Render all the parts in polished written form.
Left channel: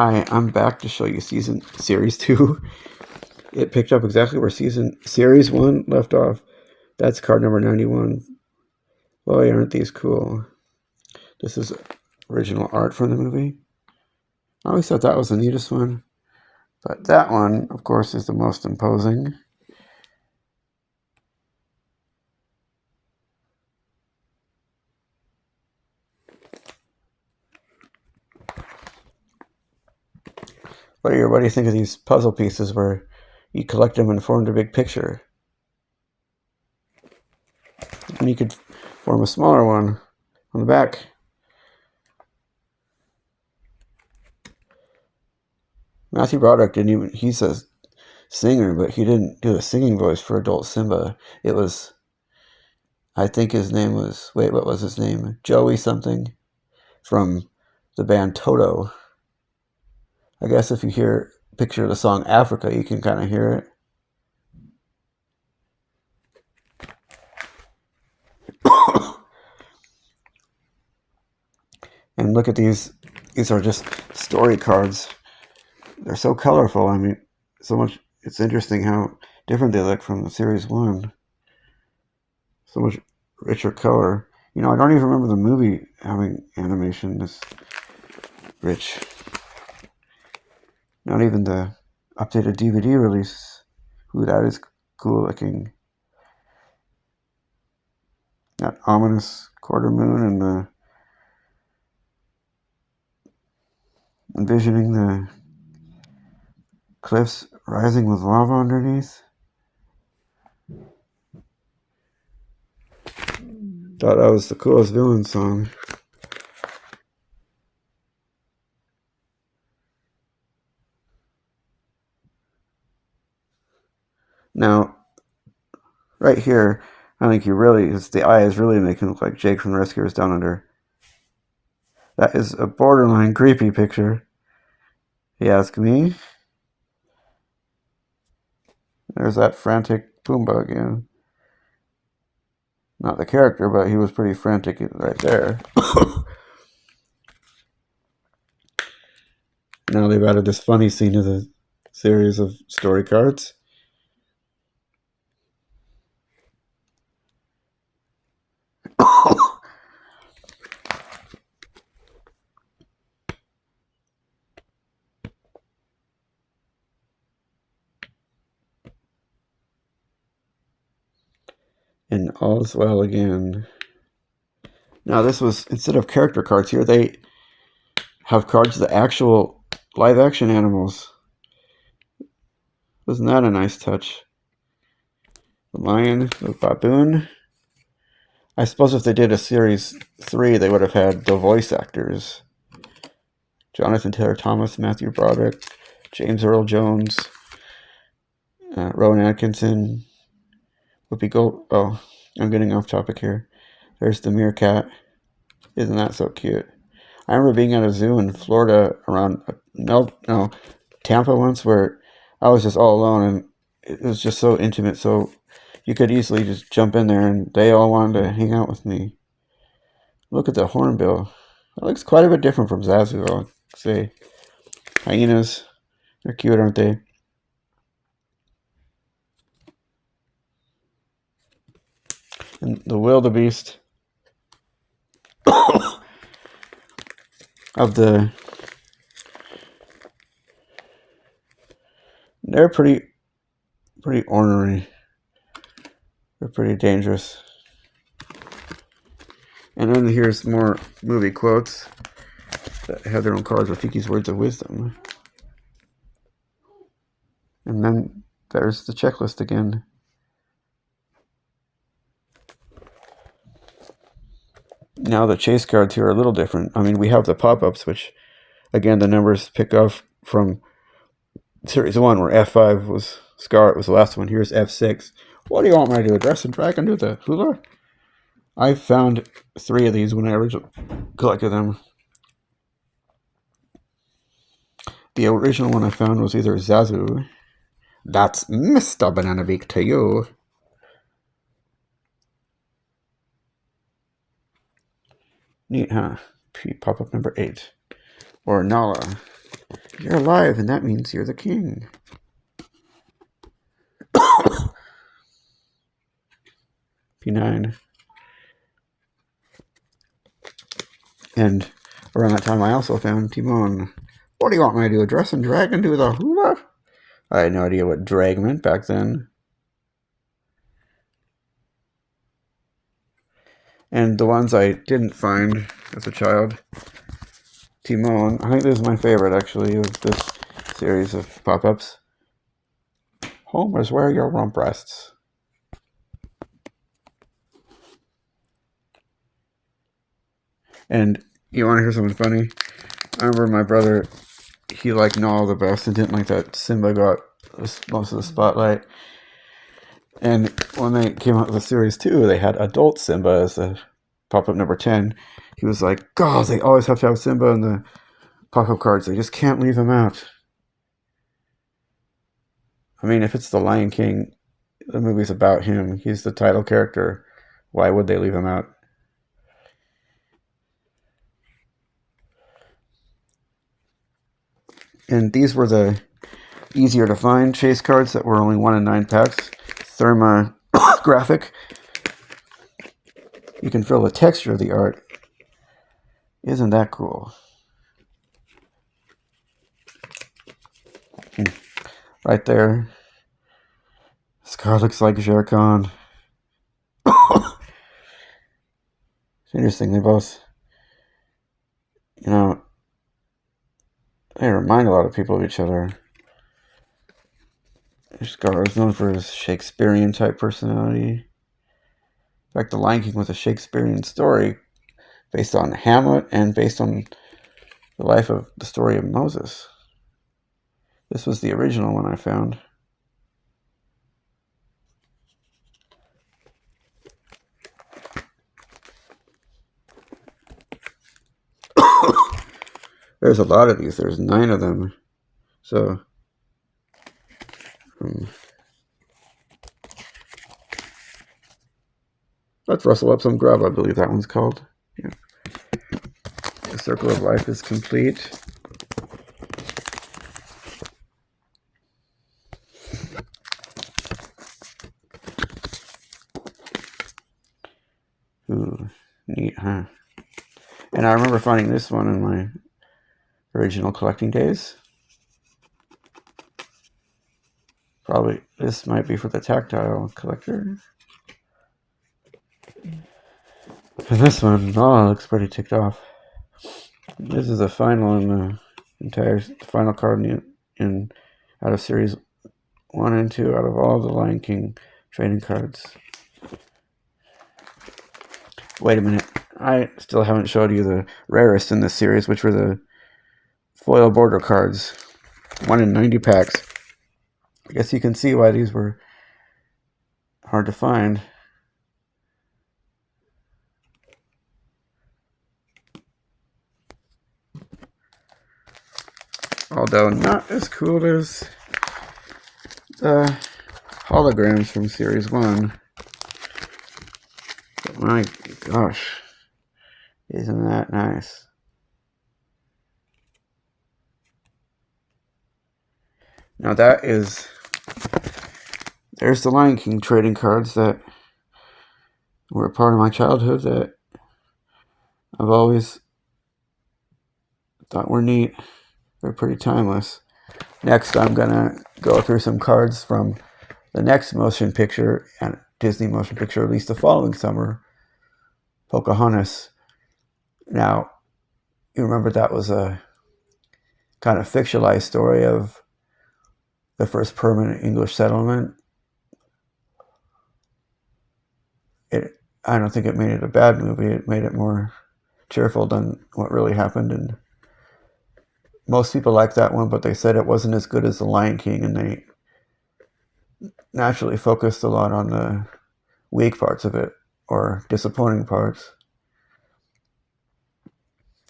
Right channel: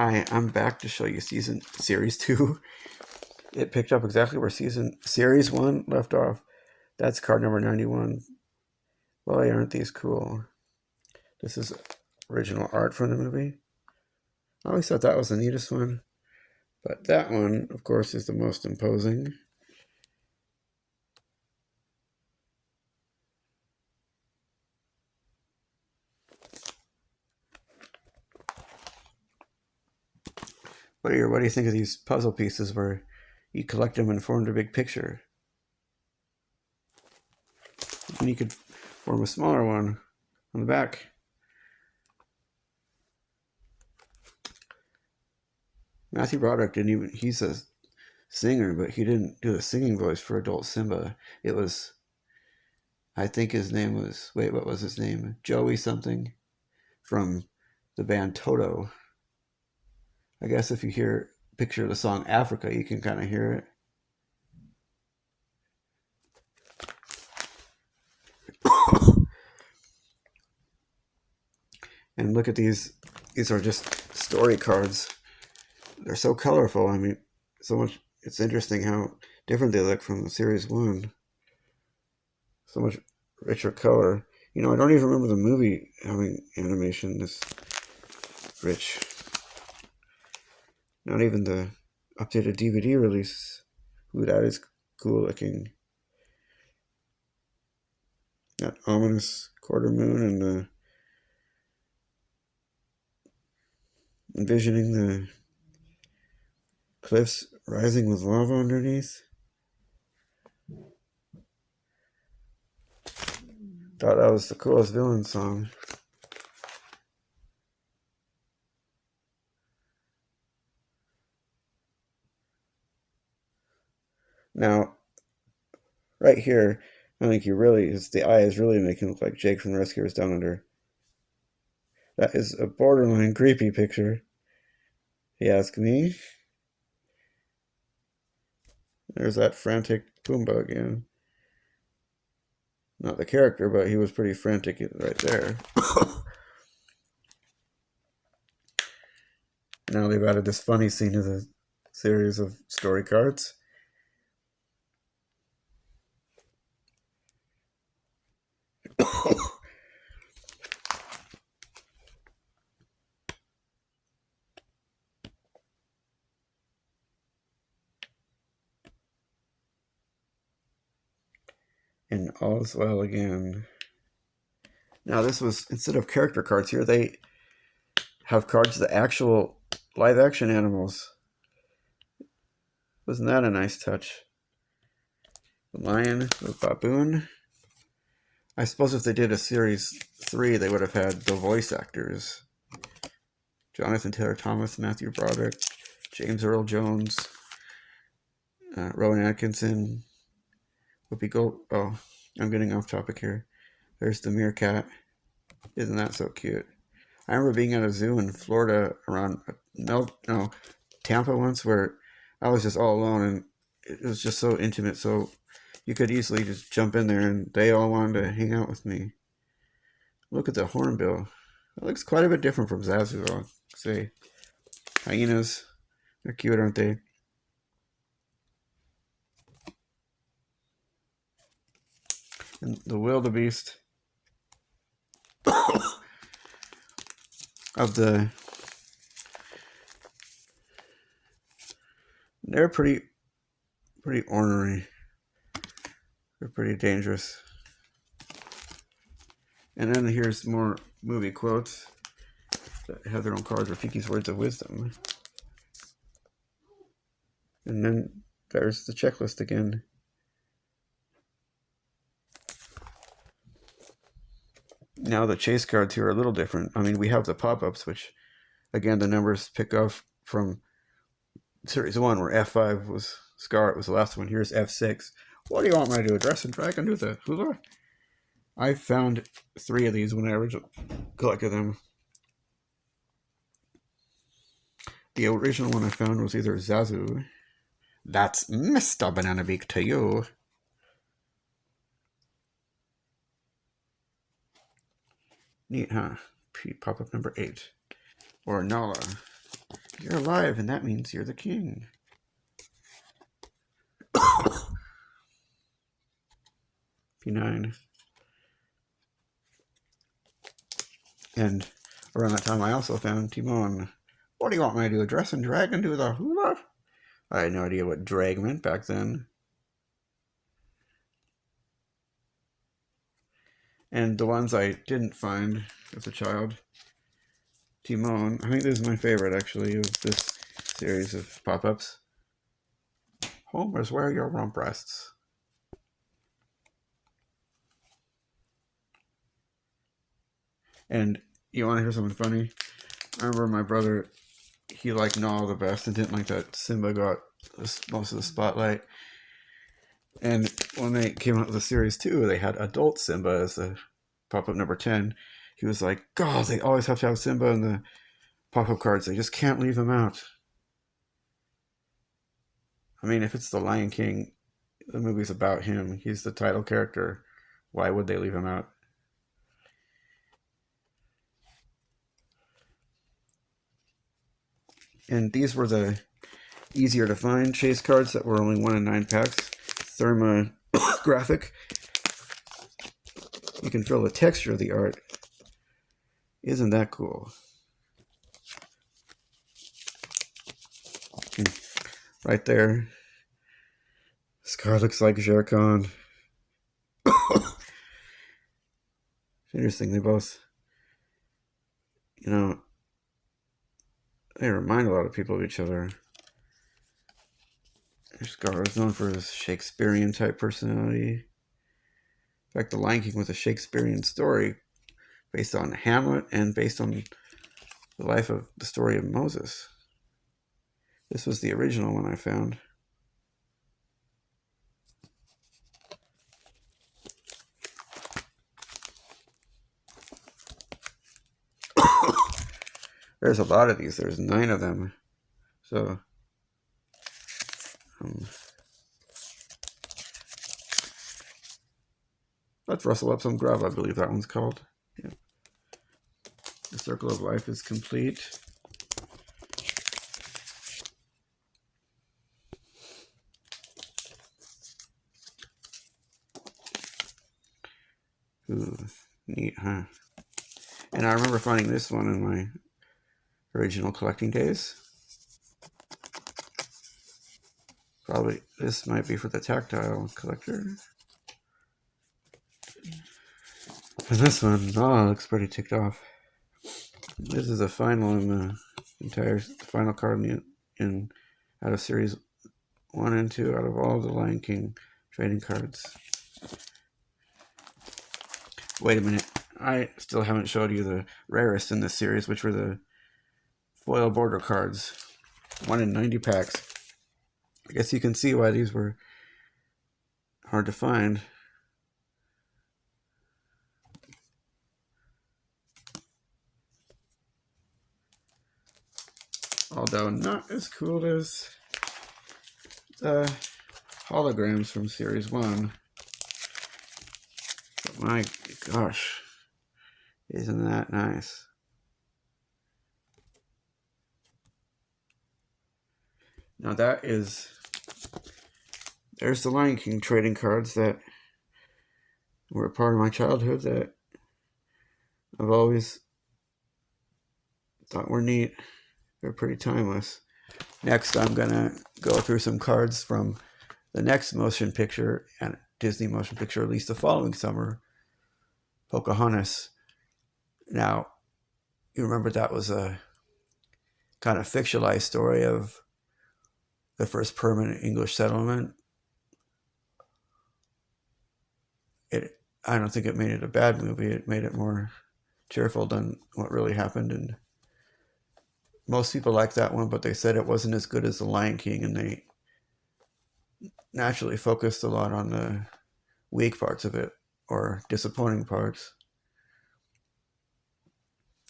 Hi, I'm back to show you series 2. It picked up exactly where series 1 left off. That's card number 91. Boy, aren't these cool. This is original art from the movie. I always thought that was the neatest one. But that one, of course, is the most imposing. What do you think of these puzzle pieces where you collect them and form a big picture? And you could form a smaller one on the back. Matthew Broderick he's a singer, but he didn't do a singing voice for adult Simba. It was, I think his name was, what was his name? Joey something from the band Toto. I guess if you picture the song Africa, you can kind of hear it. And look at these. These are just story cards. They're so colorful. I mean, so much. It's interesting how different they look from the series 1. So much richer color. You know, I don't even remember the movie having animation this rich. Not even the updated DVD release. Ooh, that is cool looking. That ominous quarter moon and the envisioning the cliffs rising with lava underneath. Thought that was the coolest villain song. Now, right here, I think the eye is really making it look like Jake from the Rescuers Down Under. That is a borderline creepy picture, you ask me. There's that frantic Pumbaa again. Not the character, but he was pretty frantic right there. Now they've added this funny scene to the series of story cards. And all's well again. Now this was, instead of character cards here, they have cards of the actual live action animals. Wasn't that a nice touch? The lion, the baboon. I suppose if they did a series 3, they would have had the voice actors. Jonathan Taylor Thomas, Matthew Broderick, James Earl Jones, Rowan Atkinson, Whoopi Gold. Oh, I'm getting off topic here. There's the meerkat. Isn't that so cute? I remember being at a zoo in Florida around Tampa once, where I was just all alone, and it was just so intimate. So you could easily just jump in there, and they all wanted to hang out with me. Look at the hornbill. It looks quite a bit different from Zazu, I'll say. Hyenas. They're cute, aren't they? And the wildebeest of the... They're pretty ornery. They're pretty dangerous. And then here's more movie quotes that have their own cards, Rafiki's words of wisdom. And then there's the checklist again. Now the chase cards here are a little different. I mean, we have the pop-ups, which, again, the numbers pick up from Series 1, where F5 was Scar, it was the last one. Here's F6. What do you want me to do? Address and drag and do the hula? I found 3 of these when I originally collected them. The original one I found was either Zazu. That's Mr. Banana Beak to you. Neat, huh? Pop-up number 8. Or Nala. You're alive, and that means you're the king. P9. And around that time, I also found Timon. What do you want me to do? Dress and drag and do the hula? I had no idea what drag meant back then. And the ones I didn't find as a child, Timon. I think this is my favorite, actually, of this series of pop-ups. Homers, where are your rump rests? And you want to hear something funny? I remember my brother, he liked Nala the best and didn't like that Simba got most of the spotlight. And when they came out with the series 2, they had adult Simba as a pop-up number 10. He was like, God, they always have to have Simba in the pop-up cards. They just can't leave him out. I mean, if it's The Lion King, the movie's about him. He's the title character. Why would they leave him out? And these were the easier to find chase cards that were only 1 in 9 packs. Therma graphic. You can feel the texture of the art. Isn't that cool? Right there. This card looks like Shere Khan. It's interesting. They both, you know, they remind a lot of people of each other. Scar is known for his Shakespearean type personality. In fact, The Lion King was a Shakespearean story based on Hamlet and based on the life of the story of Moses. This was the original one I found. There's a lot of these. There's 9 of them. So, let's rustle up some grub, I believe that one's called. Yeah. The circle of life is complete. Ooh, neat, huh? And I remember finding this one in my original collecting days. Probably this might be for the tactile collector. And this one, oh, looks pretty ticked off. This is the final in the entire final card in out of series 1 and 2 out of all the Lion King trading cards. Wait a minute. I still haven't showed you the rarest in this series, which were the foil border cards. 1 in 90 packs. I guess you can see why these were hard to find. Although not as cool as the holograms from Series 1. But my gosh, isn't that nice? Now that is, there's the Lion King trading cards that were a part of my childhood that I've always thought were neat. They're pretty timeless. Next, I'm gonna go through some cards from the next motion picture, and Disney motion picture released the following summer, Pocahontas. Now, you remember that was a kind of fictionalized story of the first permanent English settlement. I don't think it made it a bad movie. It made it more cheerful than what really happened, and most people liked that one, but they said it wasn't as good as The Lion King, and they naturally focused a lot on the weak parts of it, or disappointing parts.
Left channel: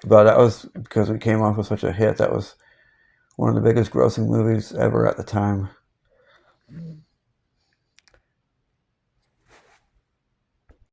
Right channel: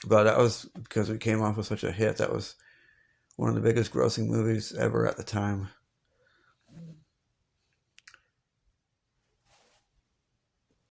But that was because it came off with such a hit. That was one of the biggest grossing movies ever at the time.